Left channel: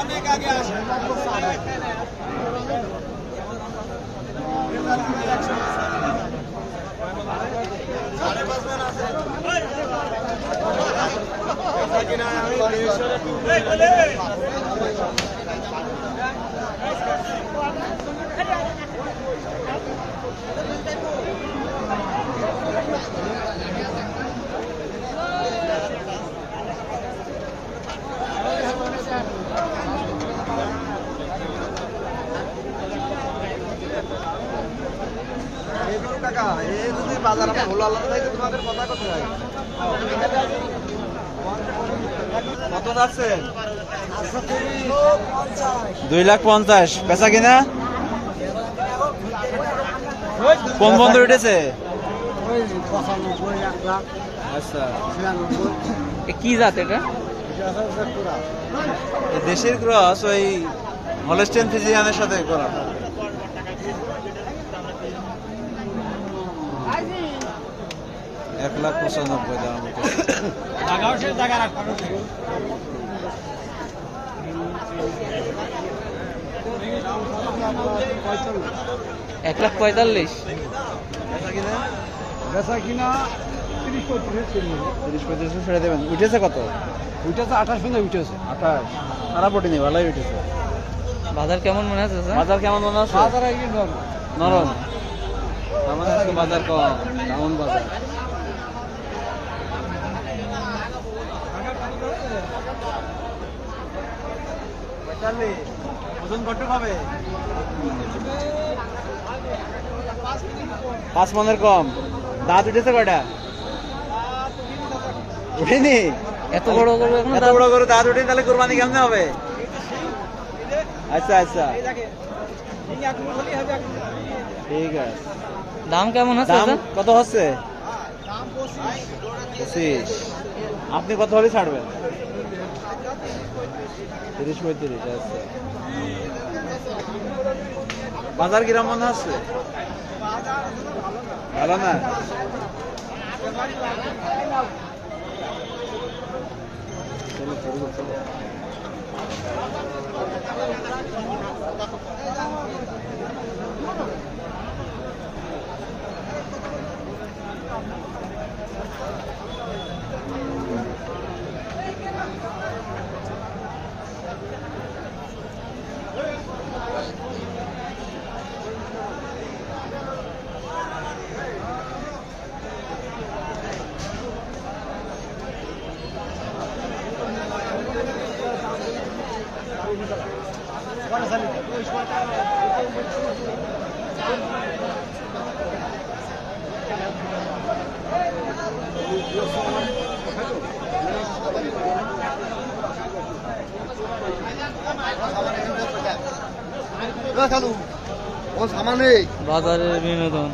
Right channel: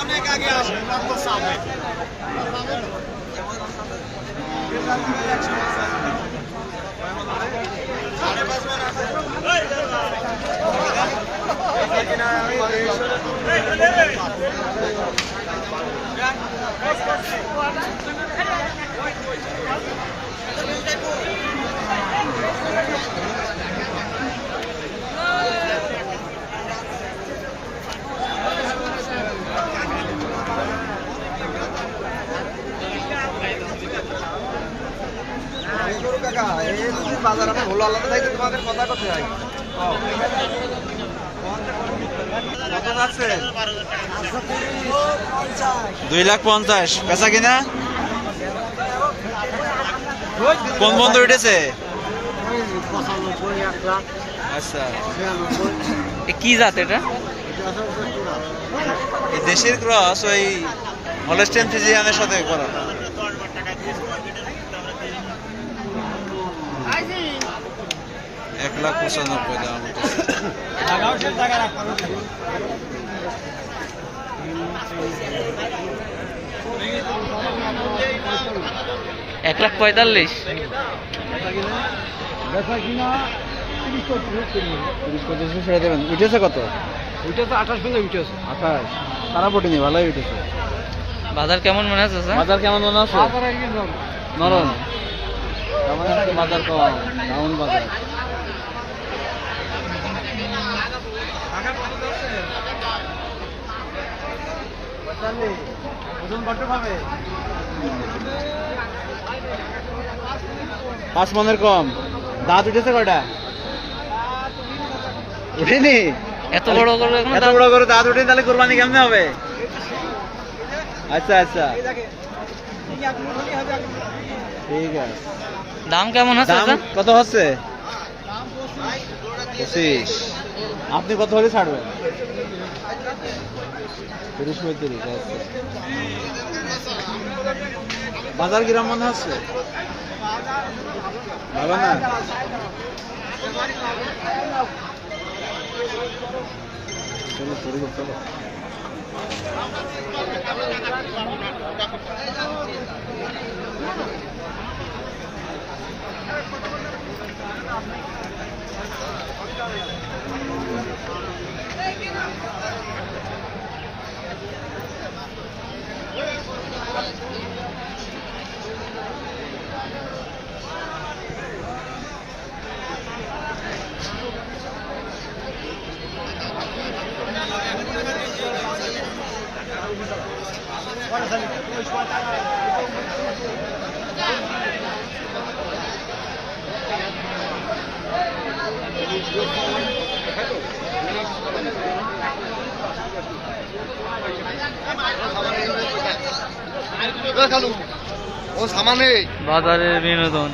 অনেক আগে আসে বাজার হলো আলাদা থাকে তোমাদের কথা কোথায় 2,50,000 পেঁচা কিনা কোন বন্ধু উঠেছে? আচ্ছা কি জাত এটা? দেশের ক্রস ওই হলস্টেইন ফ্রিজিয়ানের সাথে করা। $1,95,000 দাম। 1,45,000 বেচা কিনা 30-35 ছেড়ে দেবেন। উঠেছে কত? উঠেছে 28 পর্যন্ত উঠেছে। 28 খারাপ ওঠেনি, ভালোই উঠেছে। বাজার কেমন মনে হচ্ছে? বাজার কেমন মনে হচ্ছে? বাজার আর কি নরম। বাজার কম, ডাউন বাজার। ওজন কত পাবে? 5 মনের কম। দাঁত উঠেছে কয়টা? উঠেনি। এত বড় করে এখন এত বড় করে দাঁত উঠে তাহলে কুরবানি কেমনে হবে? আচ্ছা আচ্ছা ঠিক আছে। দাম কেমন হচ্ছে? দাম কত হচ্ছে? 25। আপনি কত হলে ছাড়বেন? 30-35। আচ্ছা বাজার কিরম মনে হচ্ছে? ভালো না? চলো শুরু করতে হবে। বাজারের বিনোদন।